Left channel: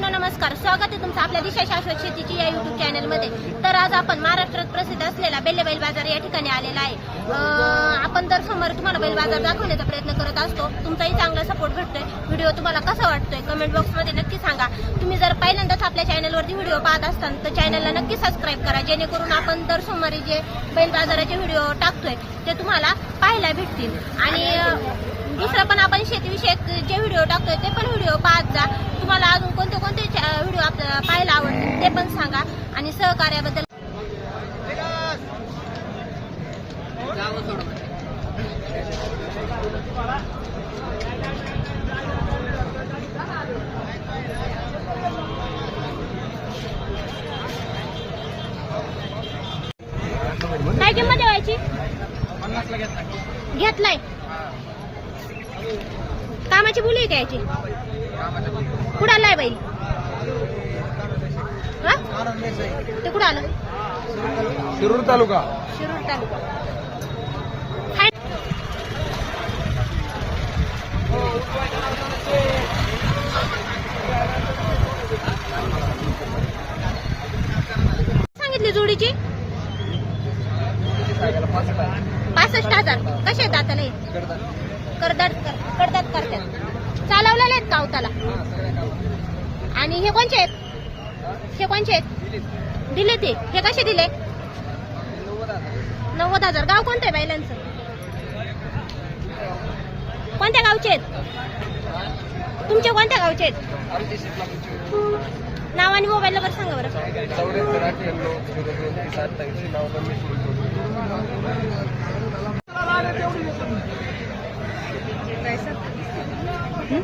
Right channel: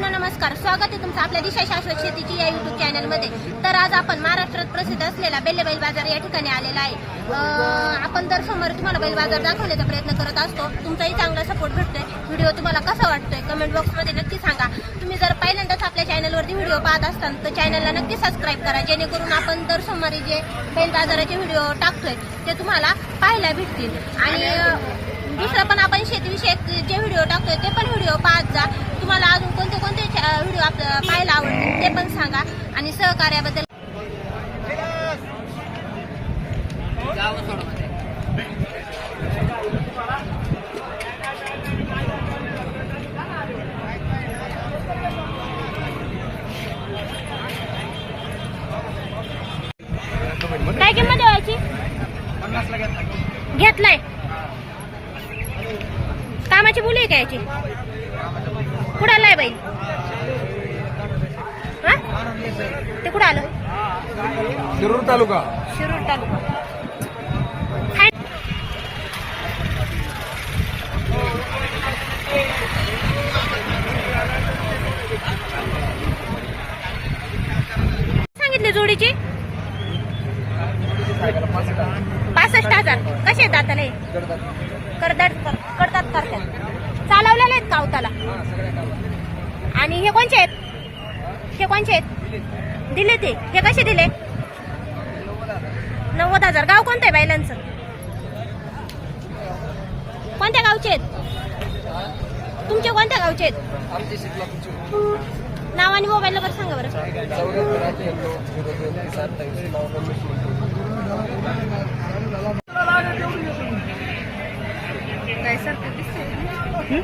पूर्ण नमस्कार. स्वागत आहे तुमचं आपल्या दिशा शाश्वत शेतीची या युट्यूब चॅनलमध्ये तर आज आपण महाराष्ट्रात प्रसिद्ध असलेला बेल्ले बैल बाजार या ठिकाणी आलेला आहे. आपण दर सोमवारी तुम्हाला बैल बाजार दाखवण्याचा प्रयत्न करत असतो. तुमचाही चांगला सपोर्ट भेटतोय. व्हिडिओ तुम्हाला कसा वाटतोय? कमेंट बॉक्समध्ये नक्की सांगा. तुम्ही जर पहिल्यांदाच आपल्या चॅनलवरती व्हिडिओ पाहत असाल तर चॅनलला नक्की सबस्क्राईब करा. जेणेकरून आपण दर सोमवारी जे बैल बाजाराचे व्हिडिओ टाकतोय ते तुम्हाला पाहायला भेटतील. आणि दुसरं पण आपण शेतीविषयक जे व्हिडिओ टाकतोय ते पण व्हिडिओ पाहत जा. तुम्हाला अजून कोणते कोणते व्हिडिओ आपल्याला पाहायला आवडतील ते पण सांगा. आणि सहकार्याबद्दल काय किंमत द्यावायची घेतलाय. कामाची बोली आहे का याची? कुठं आलाय बाई? हा? ते कुठं आलं? शिरूर तालुका. शिरूर तालुका. सांगितली जोडीची? पासष्ट हजार. कसे आहेत दाताला? हे? करदात करदात करतात. चालवलेले आहेत कावताला आणि हे कोणचे आहेत? हे कोणचे आहेत? दिले ते. हे कसे दिले? नव्वद हजार. गाव कोणतं आहे बैलांचं? कोणत्या गावचे आहेत? तुमच्या कोणत्या गावचे आहेत? नाव आणि मोबाईल नंबर सांगा बरं चौऱ्याहत्तर अठ्ठ्याण्णव झिरो दोन तीस अठ्ठावीस नाव नंबर कशी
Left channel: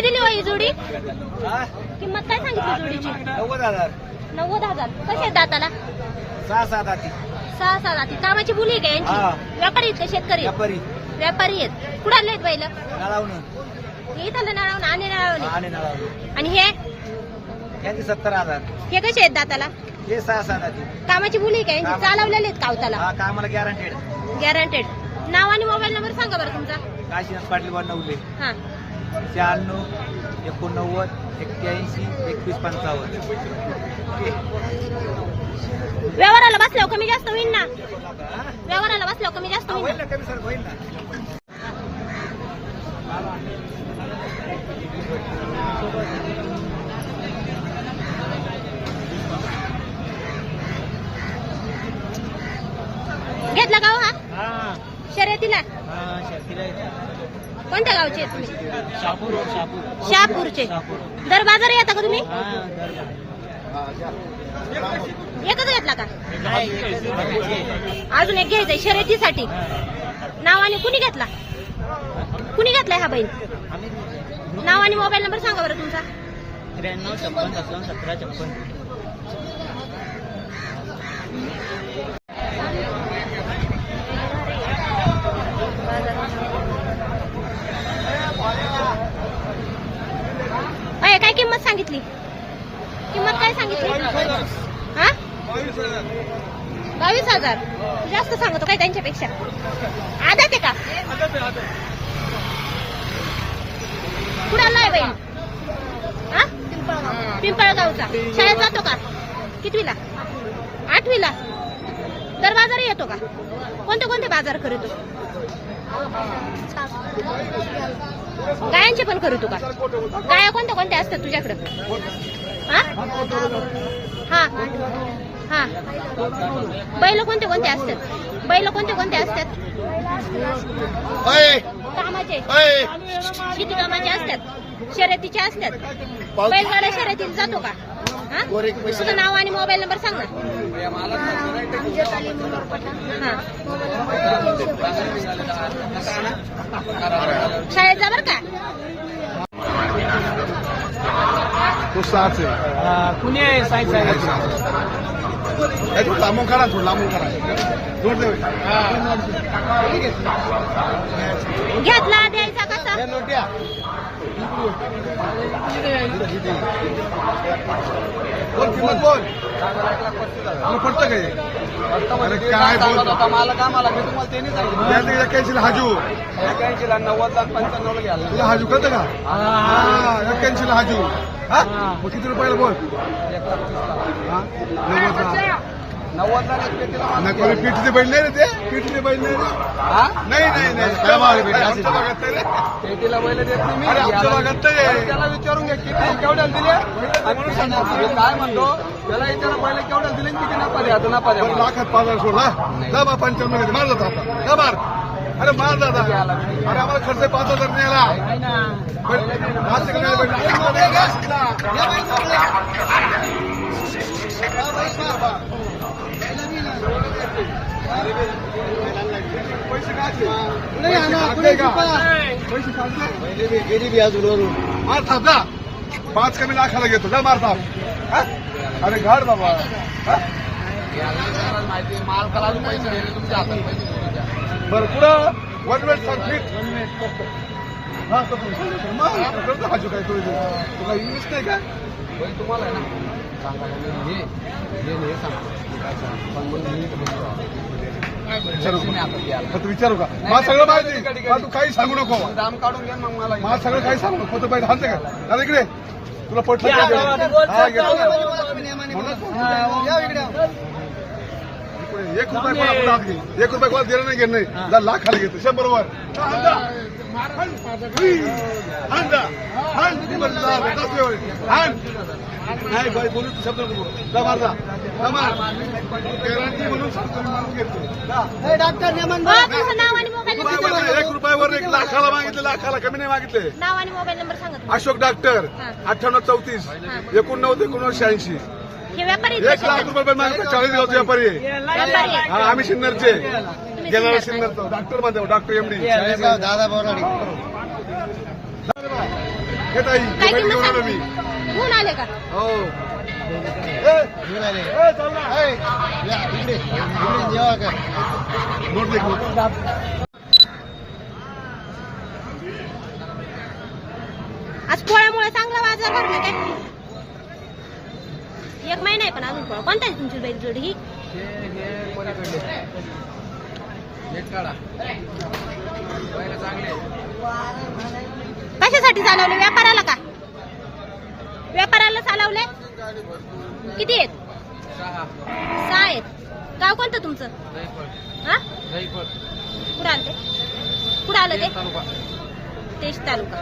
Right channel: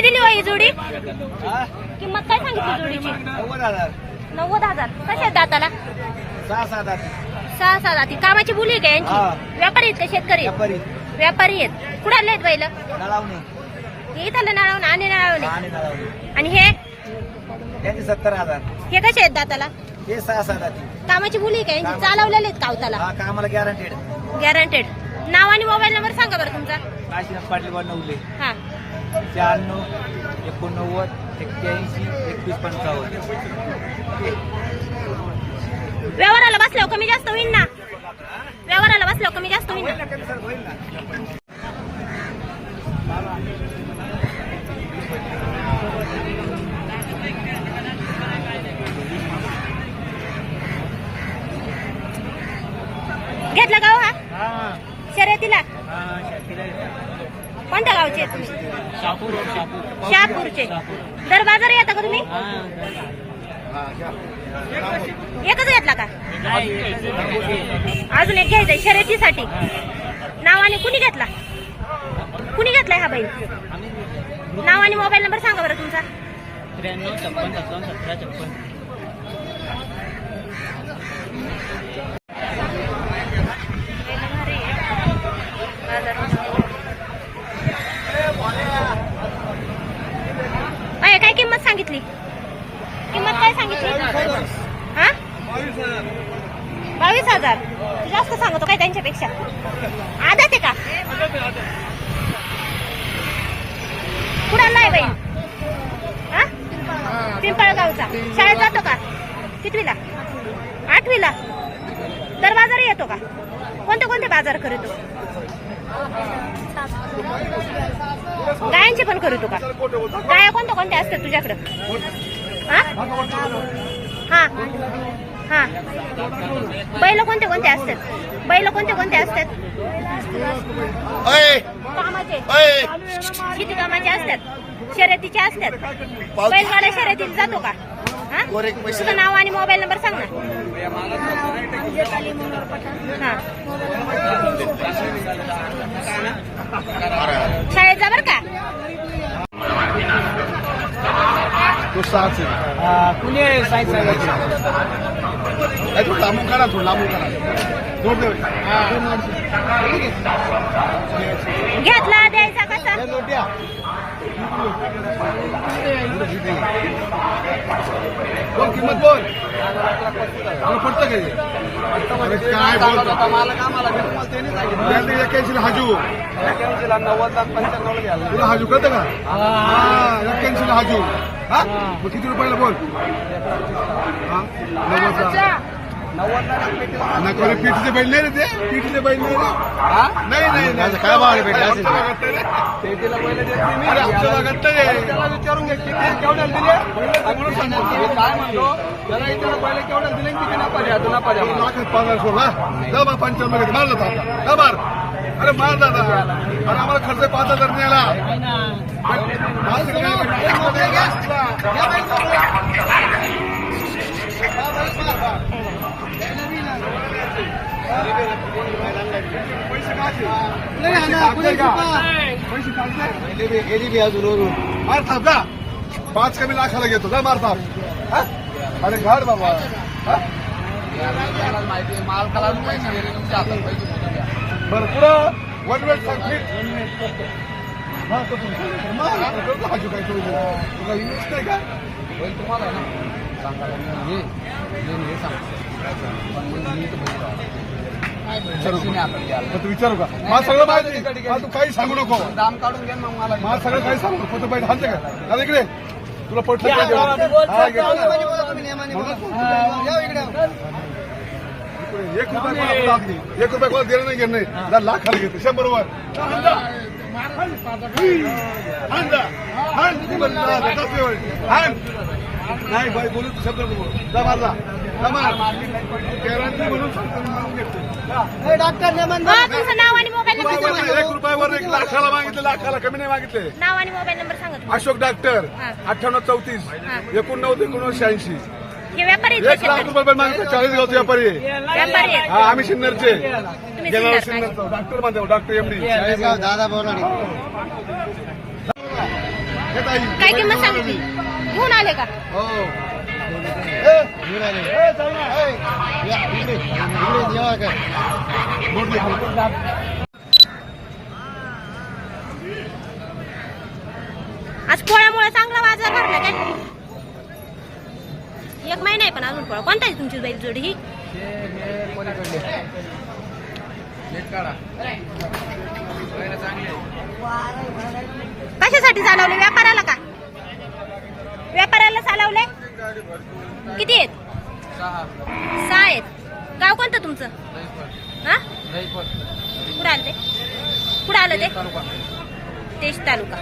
दिली ही जोडी? किंमत काय सांगितली जोडीची? नव्वद हजार. नव्वद हजार. कसे आहेत दाताला? सहा सात आठ. सहा सहा जाती कामाची बोली आहे का यांची. व्यापारी आहेत का शेतकरी आहेत? व्यापारी व्यापारी आहेत. कुठं आले आहेत बैल? नळावणी इथं नाव आणि नाव आणि नळावणी आणि हे? यांची सत्तर हजार हे कसे आहेत दाताला? हे सहा सात आठ कामाची बोली आहे का यांची. चालवलेले आहेत कावताला हा कामाला गॅरंटेड गॅरंटेड नाव आणि मोबाईल नंबर सांगा बरं तुमचा. काशीनाथ पाटील नवले हा. शहाण्णव एकोणनव्वद एक्क्याऐंशी एकवीस पंचावन्न. बसल्यावर कमी जास्त होईल ना. व्यवहाराला बसल्यावर कमी जास्त होईल घेतला गाव हा शर्यतीला? कोणत्या गावचे तुम्ही? शहापूरचे. दर बाजार येता का तुम्ही? एकच घेतला का? अजून एक घ्यायचंय शर्यतीसाठी. नाव आणि कुणी घेतला? कुणी घेतलाय हा बैल? नाव आणि मोबाईल नंबर सांगा बरं तुमचा. त्र्याण्णव छप्पन छप्पन सतरा छप्पन. अय काय किंमत सांगितली? किंमत काय सांगितली? हा? बावीस हजार. जास्त सांगतो काय त्यांच्यापेक्षा? आधाच आहे का? कुठं आहे बाई. हा? पिंपळगावचा. शाळेत जातो का? कितवीला? आठवीला. तर बाजार येतो का? कोणते कोणते बाजार करतो? गायांचे पण करतो का? गाया कोणत्या कोणत्या असतात तुझ्याकडं? हा. हा. हा बैल कोणते कोणते असतात? बैल कोणते कोणते असतात? कामाचे. किती कामाचे असतात? शर्यतीचे असतात. बैलगाड्या शर्यतीला जातो का? हा? तुझं नाव आणि मोबाईल नंबर सांग ना. शाळेत जा बर का. पुणे सायकल याच्यावर लांबून काढा थोडं लांबून काढा. जोड दे घेतला द्यायचा कसा? बोल किंमत बोल। मला पडतं काय अरे काय बोलतो? मला काय मला मी तुम्हाला त्यांनी सांगितलं याने एक्याऐंशीला हाजू. एक्याऐंशीला नव्वदला पंच्याण्णवला घ्यायला तुला हाजू कळतं का? हा एक्याऐंशीला हाजू. हा? मग किती रुपयाला बोल? हा? नव्वदला. नको रे, पिठीचे बैल नाही रे ते पिठीचे बैल नाही रे हा? नाही नाही नाही काय मागे भेटले. पेटीला देत नाही मी. अरे आमच्या भागात. त्याला विचारून घे किती केवढ्याला दिले मी काय म्हणतो त्याला विचारा पहिले केवढ्याला दिले आणि किती नफा द्या नफा द्या मला. लाखात पंधरा सोडला जा बा पंच्याण्णव घेते मारला तो आता जा मार अरे मार अरे आम्हाला खर्च पाच हजार नाही आला पाच हजार नाही भेटले. मोबाईल घ्या तिला. घ्या बाई सगळे. बाई, बा. पैसे काढले. मार थाप का पाच कमी लाखाला घेतो का मार थाप अरे घाड बाबा माहिती आहे, मालकाला पैसे गेले तुमच्या हातात पैसे. घेऊन द्या. बरं पुढं वन वेट हा कपूर हाजू काय तो तुला इंग्लिश नाही का तुम्हाला सांगायला मी हे सांगतो. विचारू का? मग तू विचारू का मला सगळं माहिती तू काही सांगू नको दाम काढून घ्या मग मला मला सगळं काही सांगू नको बाईट हालते का आता इकडे तुला पटलं का? हा, इकडे. या इकडे. इकडे. एक रुपये कोणा हात घे. एक रुपये कोणा देणं नाही घेणं नाही जा लाखाला घेतो शंभर वर. नाही बाई बोलू तू शब्द नको बोलू. जा मार जा. जा मार. गॅरंटी म्हणून सांगतो मी मारून घेते. हो, तुमचं नाव आणि मोबाईल नंबर रुपयावर सांगा एक रुपयावर एक लाखाला मागितले लाखाला कमी नाही मागितले नाव आणि मोबाईल नंबर सांगा तुम्ही. अशोक डॉक्टर. अठ्ठ्याण्णव चौतीस. एकोणनव्वद एकोणनव्वद शहाऐंशी हे व्यापारी आहेत एक का लाख शेतकरी? रुपये पण मागितले चाळीस गावचे व्यापारी आहे. व्यापारी आहेत. हा आम्ही सिन्नरचे सिन्नरचा डॉक्टर डॉक्टर एमडी काय किंमत सांगितली? घेऊन आले का? आज पोळ्यामुळे चांगला बाजार भरला काय? एक महिना आहे पण अजून पोळा. कोणता आहे तुमची बैल जोडी ही. कशासाठी चालवले? व्यापाराला का? व्यापाराला चालवले? किती आहेत? सहा. आहेत. गाव कोणतं तुमचं. हा. कुठं आलं ते? कुठं आलं ते. तेच तालुका.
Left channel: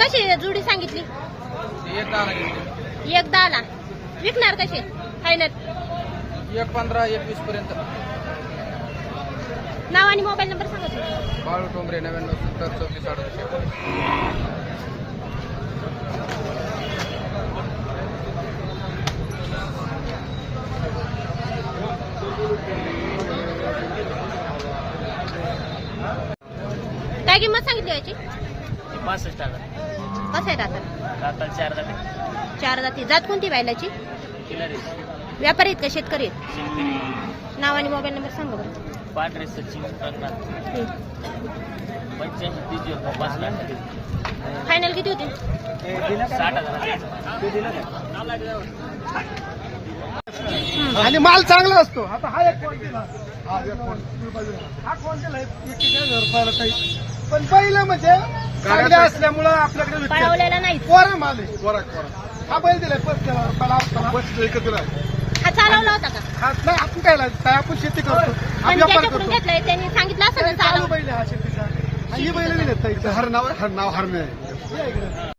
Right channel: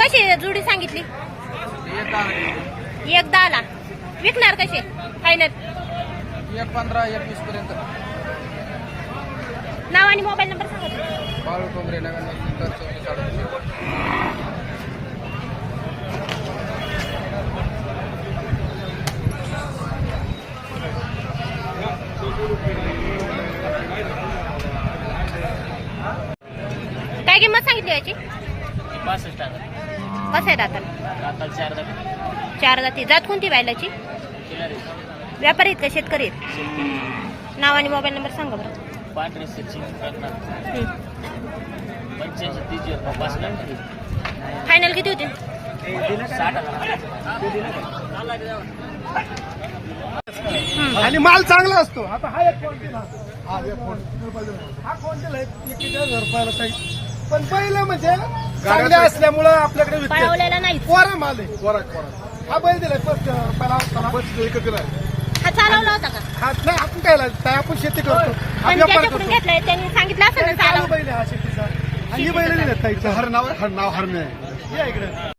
कशी जोडी सांगितली? एक दहा. नाही. एक दहाला. विकणार कसे? फायनल एक पंधरा एक वीस पर्यंत. नाव आणि मोबाईल नंबर सांगा तुम्ही. बाळू चौतीस अडतीस काय किंमत सांगितली याची? पासष्ट हजार. कसं आहे दाताला दाताला चार जाती जात कोणती बायलाची व्यापारी आहेत का? शेतकरी आहेत? नाव आणि मोबाईल नंबर सांगा बरं. पांढरे सचिन रत्नाथ. पंच्याऐंशी तीस झिरो पाच लाख. फायनल किती होते साठ हजार. आणि माल चांगला असतो. आता हा एक हा. हा हा आहे रुपयाला काही. पण पहिलं म्हणजे चांगले असल्यामुळे आपल्याकडे विकतात. पळवलेला नाही कोरा माल आहे. कोरा कोरा हा बैल दिला. तेच केला. हा चालवला होता का? हात नाही हात काय लागत काय आपण शेती करतो? पण आपला ज्याच्याकडून करतो. घेतलंय त्यांनी सांगितलं असं ना चांगला चालव बैल आहे हा शेतीचा. आणि बैल नाही देत ताईचं. हर नाव आहे हर नाव हरणे आहे